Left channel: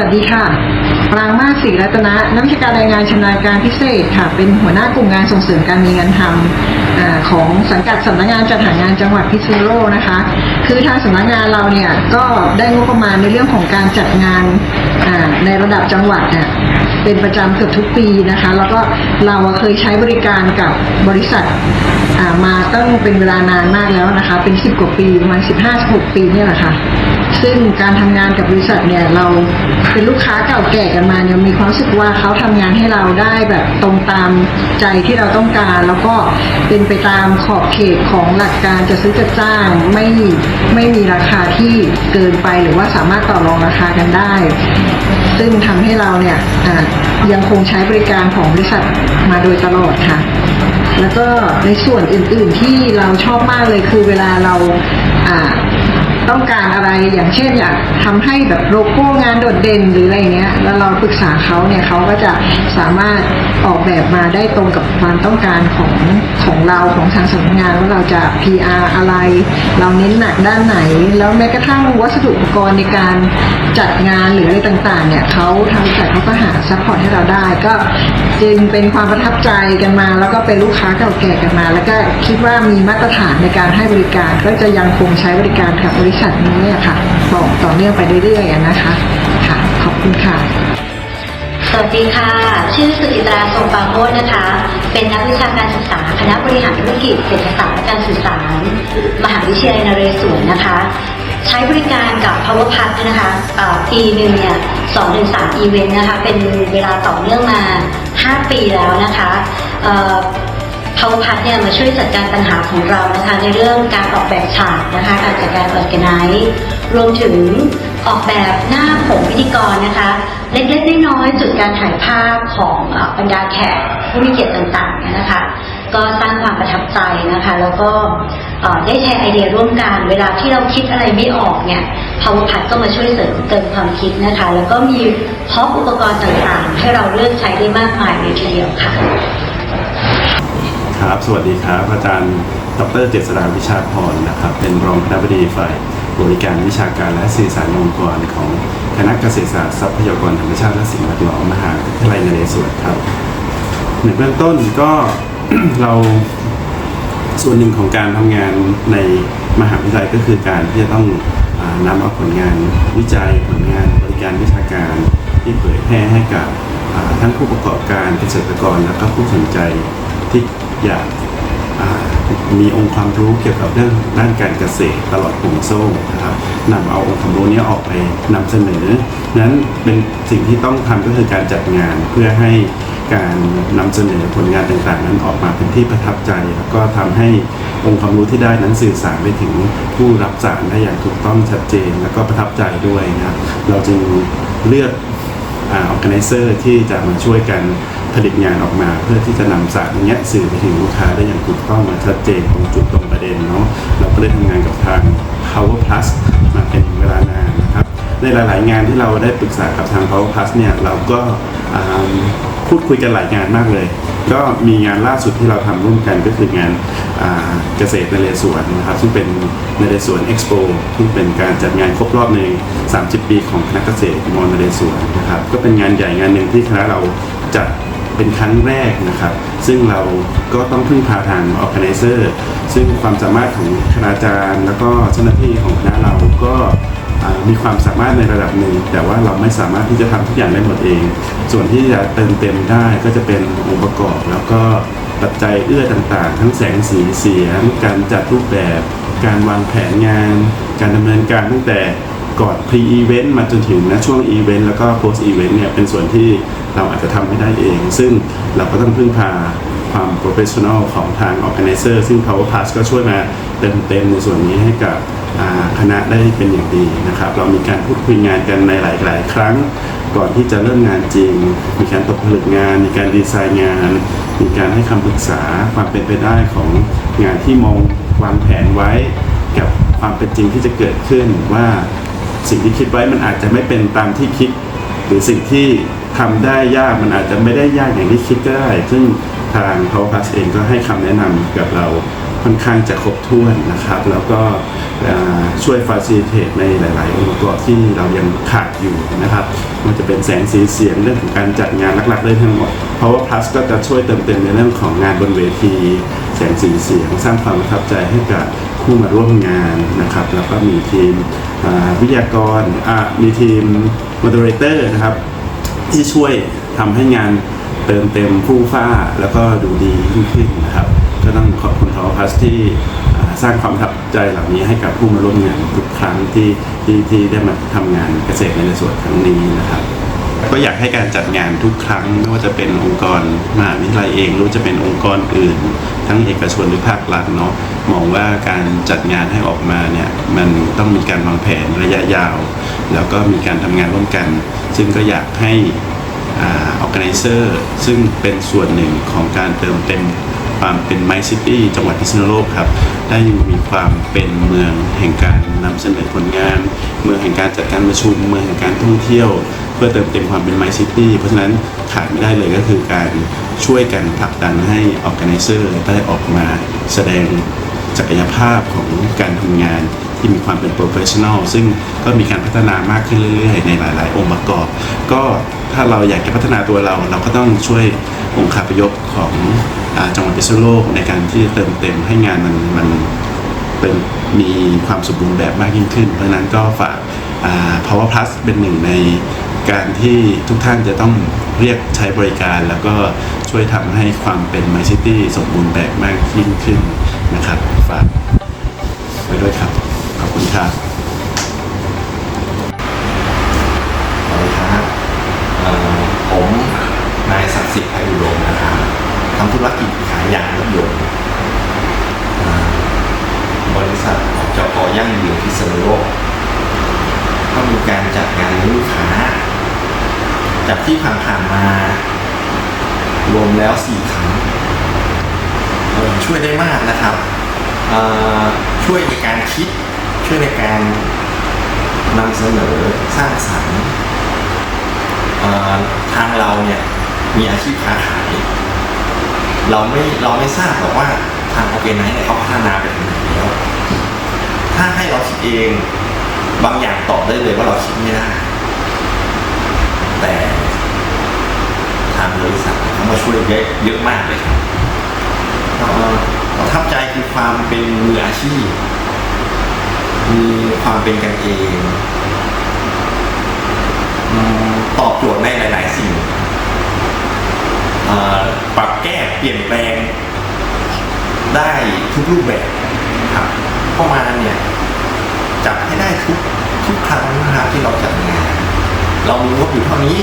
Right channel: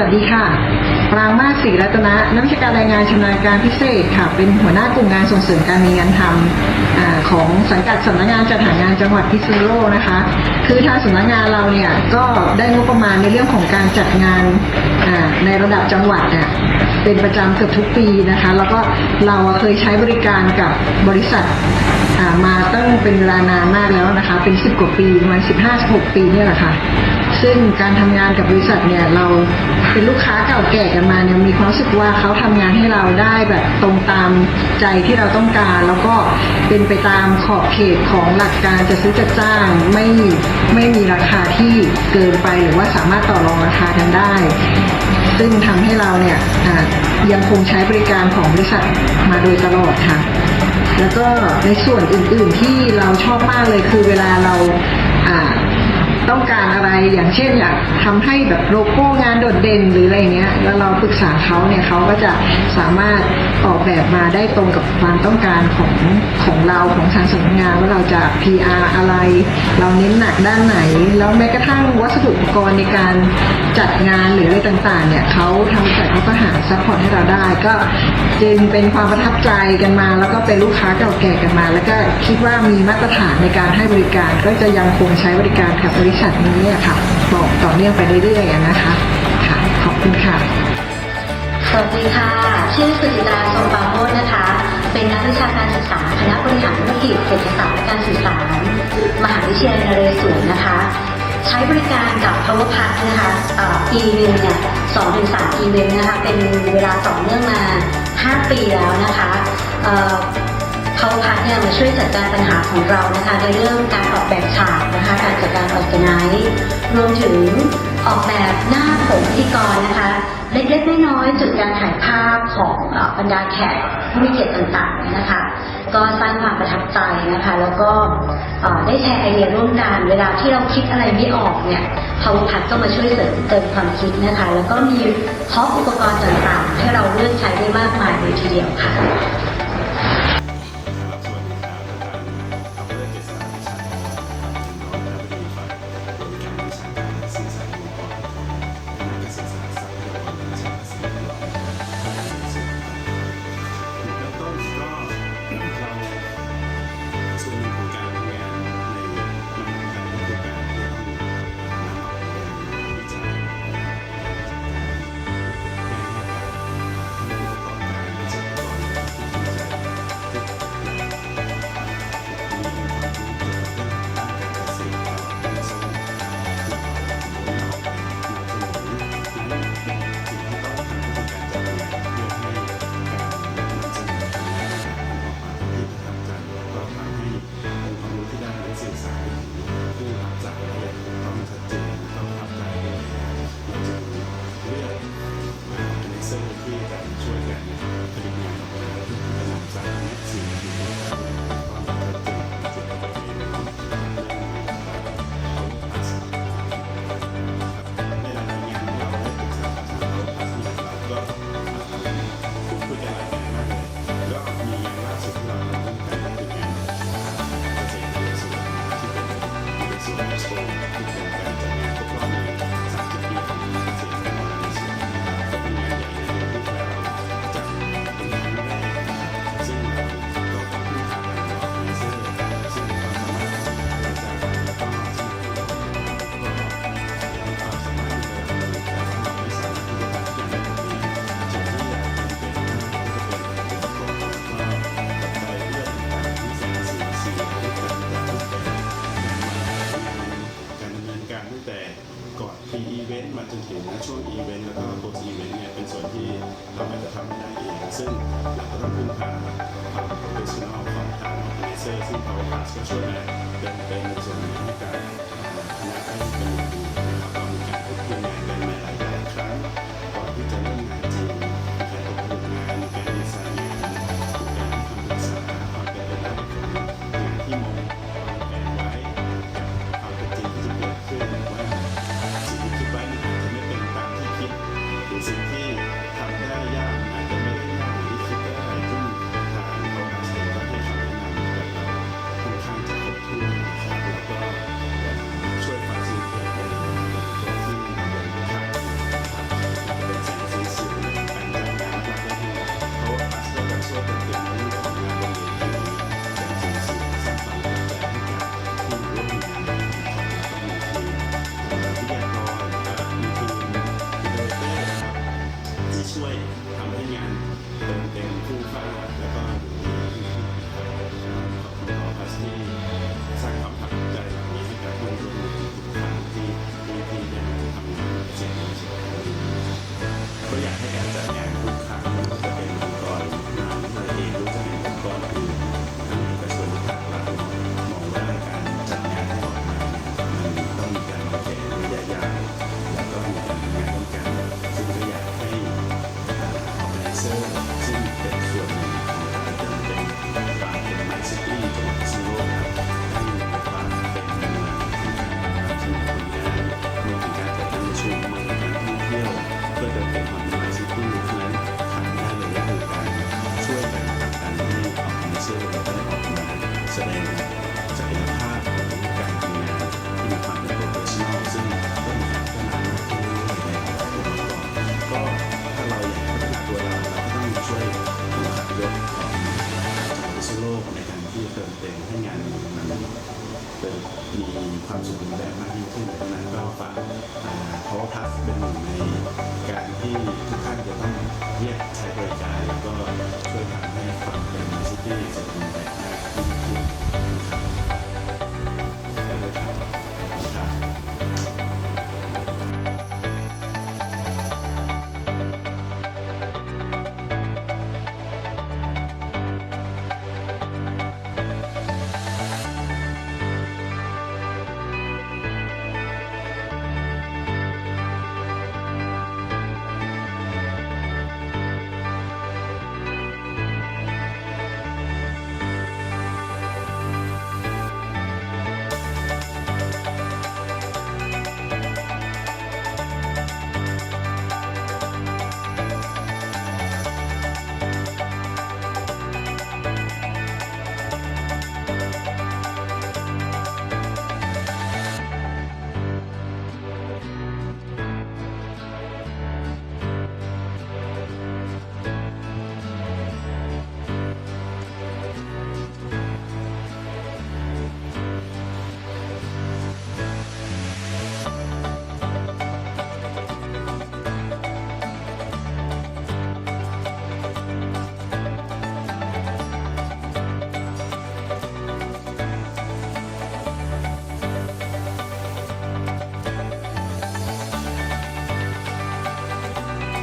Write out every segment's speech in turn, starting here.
วัสดีค่ะ ปรางมาศรีรัตนะ นักวิชาการรายงานชำนาญการพิเศษค่ะ เป็นหัวหน้ากลุ่มงานส่งเสริมการมีงานทำอของสังกัดสำนักงานจัดหางานจังหวัดพิษณุโลกนะคะ คือทางสำนักงานเราเนี่ยก็ได้งบประมาณในเรื่องของการจัดงานในระดับจังหวัดเนี่ยเป็นประจำเกือบทุกปีนะคะ แล้วก็เราเคยใช้บริการกับบริษัทมาตั้งเป็นเวลานานมากแล้วนะคะ เป็น 10 กว่าปีประมาณ 15-16 ปีเนี่ยแหละค่ะ ซึ่งการทำงานกับบริษัทเนี่ยเราเป็นลูกค้าเก่าแก่กันมาเนี่ยมีความรู้สึกว่าเขาทำงานให้เราได้แบบตรงตามใจที่เราต้องการ แล้วก็เป็นไปตามขอบเขตของหลักการจะซื้อจะจ้างไม่ไม่มีราคาที่เกินไปหรือว่าสามารถต่อรองราคากันได้ ซึ่งทำให้เราเนี่ยยังคงใช้บริการของบริษัทมาโดยตลอดค่ะ แล้วก็ในส่วนอื่น ๆที่เราชอบมากเลยคือเวลาเราอ่า ต้องการอะไรอย่างเช่นอยากทำให้แบบโลโก้งานโดดเด่นหรืออะไรเงี้ย แล้วเราปรึกษาเขาเนี่ยเขาก็จะสามารถออกแบบมาได้ตรงกับความต้องการของของเราของทางสำนักงานว่าเราจะ PR อะไร เราเน้นหนักด้านไหน แล้วแม้กระทั่งวัสดุอุปกรณ์ในการจัดงานหรืออะไรต่างๆ เนี่ยเขาทางบริษัทเขาก็หาซัพพอร์ตให้เราได้ก็จึงเป็นความประทับใจกันมา แล้วก็เป็นลูกค้าเก่าแก่กันมา แล้วก็คิดว่ามีมาตรฐานในการให้บริการก็จะยังคงใช้บริการกับบริริษัทนี้อะค่ะ บอกต่อเนื่องไปเรื่อยๆอะนะคะค่ะ ขอบคุณค่ะ สวัสดีค่ะ ชื่อสุจิตราทรงปราโมทนะคะ เป็นนักวิชาการศึกษา คณะบริหารธุรกิจเศรษฐศาสตร์และการสื่อสาร มหาวิทยาลัยนเรศวรนะคะ ใช้บริการกับ Power p a s นะคะปีหนึ่งเนี่ยสองถึงสามอีเวนต์นะคะ เป็นเวลาต่อเนื่องมา 5 ปีแล้วนะคะ เอ่อเขาพัดเนี่ยมาช่วยจัดการปัญหาของเรานะคะในเรื่องการออกแบบฉากนะคะการจัดการออแกไนซ์รวมถึงออกแบบหน้าผมพิธีกรนะคะ เล็กๆน้อยๆจุดการถ่ายภาพของบรรดาแขกผู้มีเกียรติต่างๆนะคะ ก็สร้างความประทับใจนะคะ แล้วก็ได้แชร์ไอเดียร่วมกัน เวลาที่เราคิดอะไรไม่ออกเนี่ย Power p a d ก็มาช่วยเสริมเติมความคิดนะคะ แล้วก็มีพร้อมอุปกรณ์ต่างๆ ให้เราเลือกใช้ได้มากมายเลยทีเดียวค่ะ ครับ สวัสดีครับ อาจารย์ ดรเจษฎาวิชาพรนะครับ เป็นรองคณบดีฝ่ายบริการวิชาการและสื่อสารองค์กรของคณะเกษตรศาสตร์ทรัพยากรธรรมชาติและสิ่งแวดล้อมมหาวิทยาลัยนเรศวรครับในเบื้องต้นก็เราส่วนหนึ่งของการทำงานในมหาวิทยาลัยก็คือการที่จะต้องนำเอาผลงานวิจัยผลงานบริการวิชาการที่เผยแพร่ให้กับทั้งผู้ประกอบการเกษตรกรและก็ผู้สนใจ ที่อยากมีองค์ความรู้เกี่ยวกับเรื่องด้านการเกษตรตลอดห่วงโซ่นะครับนำเอาองค์ความรู้นี้ออกไปนำเสนอ นั้นเป็นสิ่งที่ต้องทำก็คือการจัดงานเพื่อให้การนำเสนอผลงานต่างๆ นั้นออกมาเป็นที่ประทับใจ แล้วก็ทำให้องค์ความรู้ที่ได้นั้นสื่อสารไปถึงผู้รับสารได้อย่างถูกต้องชัดเจน แล้วก็ประทับใจด้วยนะครับเราจึงเลือกออแกไนเซอร์ที่จะมาช่วยกัน ผลิตงานออกมา เพื่อที่จะนำสารเนี้ยสื่อไปถึงลูกค้าได้อย่างถูกต้องมาชัดเจนตรงจุดตรงประเด็นเนาะเราก็ได้ทำงานกับทาง Power Plus มาเป็นเวลานานนะครับในหลาย ๆ งานที่เราได้ปรึกษากับทาง Power Plus เนี่ยเราก็พูดคุยกันหลายงานมากเลย ก็มีงานล่าสุดที่เราทำร่วมกันก็คืองานาเกษตรในเรศวรนะครับซึ่งเป็นในเรศวรเอ็กซ์โปซึ่เป็นการจัดงานครบรอบใน 30 ปีของคณะเกษตรมอนเรศวรนะครับก็เป็นงานใหญ่งานหนึ่งที่คณะเราจัด เป็นครั้งแรกนะครับ ซึ่งเราก็ต้องพึ่งพาทาง organizer ซึ่งความสามารถของคณาจารย์ แล้วก็เจ้าหน้าที่ของคณะเราก็มีความสามารถในระดับหนึ่ง แต่ว่าเราไม่สามารถที่จะทำทุกอย่างได้หมดเอง ส่วนที่จะเติมเต็มได้ก็จะเป็นองค์ประกอบ แล้วก็ปัจจัยเอื้อต่างๆ ทั้งแสงสีเสียงการจัดรูปแบบ การวางแผนงาน การดำเนินการตั้งแต่ ก่อน pre event มาจนถึงนะช่วง event แล้วก็ post event เนี่ยเป็นส่วนที่เราอาจจะทำไม่ได้เอง ซึ่งเราก็ต้องพึ่งพาความ professional ของทาง organizer ซึ่ง Power Pass ก็ช่วยมาเติมเต็มในส่วนนี้ให้กับอ่าคณะได้เป็นอย่างดีนะครับ เรามีการพูดคุยงานกันในหลาย ๆ ครั้ง ก่อนที่จะเริ่มงานจริง มีการตกผลึกงาน มีการดีไซน์งาน มีการให้คำปรึกษาความเป็นไปได้ของงานที่มองวางแผนไว้ กับความเป็นจริงที่จะเกิดขึ้นว่า สิ่งที่คิดไว้มันอาจจะไม่เป็นตามที่คิด หรือสิ่งที่ทำได้ยากมันอาจจะไม่ได้ยากอย่างที่คิดก็ได้ ซึ่งทาง Power Pass เองก็ให้คำแนะนำกับเราค่อนข้างจะครบถ้วนนะครับ แล้วก็ช่วยฟาซิลิเทตในหลาย ๆ องค์ประกอบที่เรายังขาดอยู่นะครับมันจะเป็นแสงสีเสียงเรื่องของการจัดงานหลัก ๆ ได้ทั้งหมด Power Plus ก็จะช่วยเติมเต็มในเรื่องของงานบนเวที แสงสีเสียง สร้างความประทับใจให้กับ ผู้มาร่วมงานนะครับ แล้วก็มีทีมวิทยากรมีทีม moderator นะครับ ที่ช่วยทำให้งานเติมเต็มผู้ฟ้าแล้วก็ดูดียิ่งขึ้นนะครับ ก็ต้องขอบคุณทอพัสที่สร้างความประทับใจเหล่านี้ให้กับผู้มาร่วมงานทุกครั้งที่ที่ที่ได้มาทำงานเกษตรในส่วนครั้งนี้นะครับ ก็อยากให้การจัดงานทุกครั้งไม่ว่าจะเป็นองค์กรมหาวิทยาลัยเองหรือจะเป็นองค์กรอื่น ทั้งเอกชนหรือภาครัฐเนาะมองว่าการจัดงานให้ออกมาเนี่ยมันต้องมีการวางแผนระยะยาว แล้วก็มีการทำงานร่วมกัน ซึ่งก็อยากให้อ่า organizer ซึ่งเป็นส่วนหนึ่งของการเติมเต็มความเป็นไมซิตี้จังหวัดพิษณุโลกครับ ได้มีความเป็นเมืองแห่งการนำเสนอผลงาน เมืองแห่งการจัดการประชุม เมืองแห่งการท่องเที่ยว พื่อเติมเต็มความเป็นไมซิตี้เพราะฉะนั้นขาดไม่ได้เลยก็คือการช่วยกันผลักดันให้ organizer ได้ออกมาแสดงศักยภาพของการทำงานที่มีความเป็นโปรเฟชชั่นอลซึ่งก็มีการพัฒนามากขึ้นเรื่อยๆ ในหลาย ๆ องค์ประกอบ ก็ถ้าเราอยากจะพัฒนาตัวเรา เราก็ต้องช่วยองค์คาพยพของจังหวัดพิษณุโลกในการที่จะเติมเต็มให้งานมันมันเป็นมีความสมบูรณ์แบบมากยิ่งขึ้น เพราะฉะนั้นก็ฝาก Power Plus เป็นหนึ่งใน การที่ทุกท่านจะต้องเรียกใช้บริการ แล้วก็ช่วยทำให้ความเป็น My City สมบูรณ์แบบมากยิ่งขึ้นนะครับฝากไว้ด้วยครับขอบคุณครับสวัสดีครับเอ่อผมนายศักดิ์สิทธิ์ไพอุดมนะครับทำธุรกิจขายยางรถยนต์บริษัทจกยั่งยืนพิษณุโลกก็มีการจัดงานเลี้ยงลูกค้า จากที่ผ่านๆมา รวมแล้วสี่ครั้งช่วยได้มากนะครับ ช่วยในการคิด ช่วยในการนำเสนอสร้างสรรค์ทางเราเนี่ยมีอาชีพค้าขายเราไม่เราไม่ทราบหรอกว่าทางออร์แกไนซ์เนี่ยเขาพัฒนาไปถึงไหนแล้ว ถ้าให้เราคิดเอง บางอย่างตอบได้เลยว่าเราคิดไม่ได้ แต่ทางบริษัทเขามาช่วยเยอะเยอะมากเลยครับเอ่อประทับใจคือความเป็นมืออาชีพ มีความเป็นกันเองตอบโจทย์ในหลาย ๆ สิ่งปรับแก้เปลี่ยนแปลง ได้ทุกรูปแบบครับเข้ามาเนี่ยจับให้ได้ทุกทุกครั้งนะครับที่เราจัดงาน เรามีงบอยู่เท่านี้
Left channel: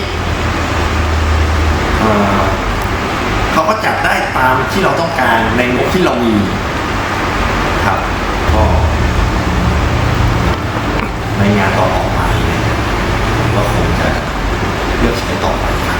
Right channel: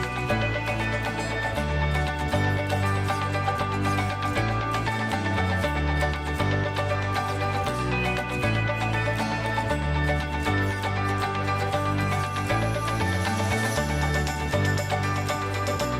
เขาก็จัดได้ตามที่เราต้องการในงบที่เรามีครับก็ในงานต่อไปก็คงจะเลือกใช้ต่อไปครับ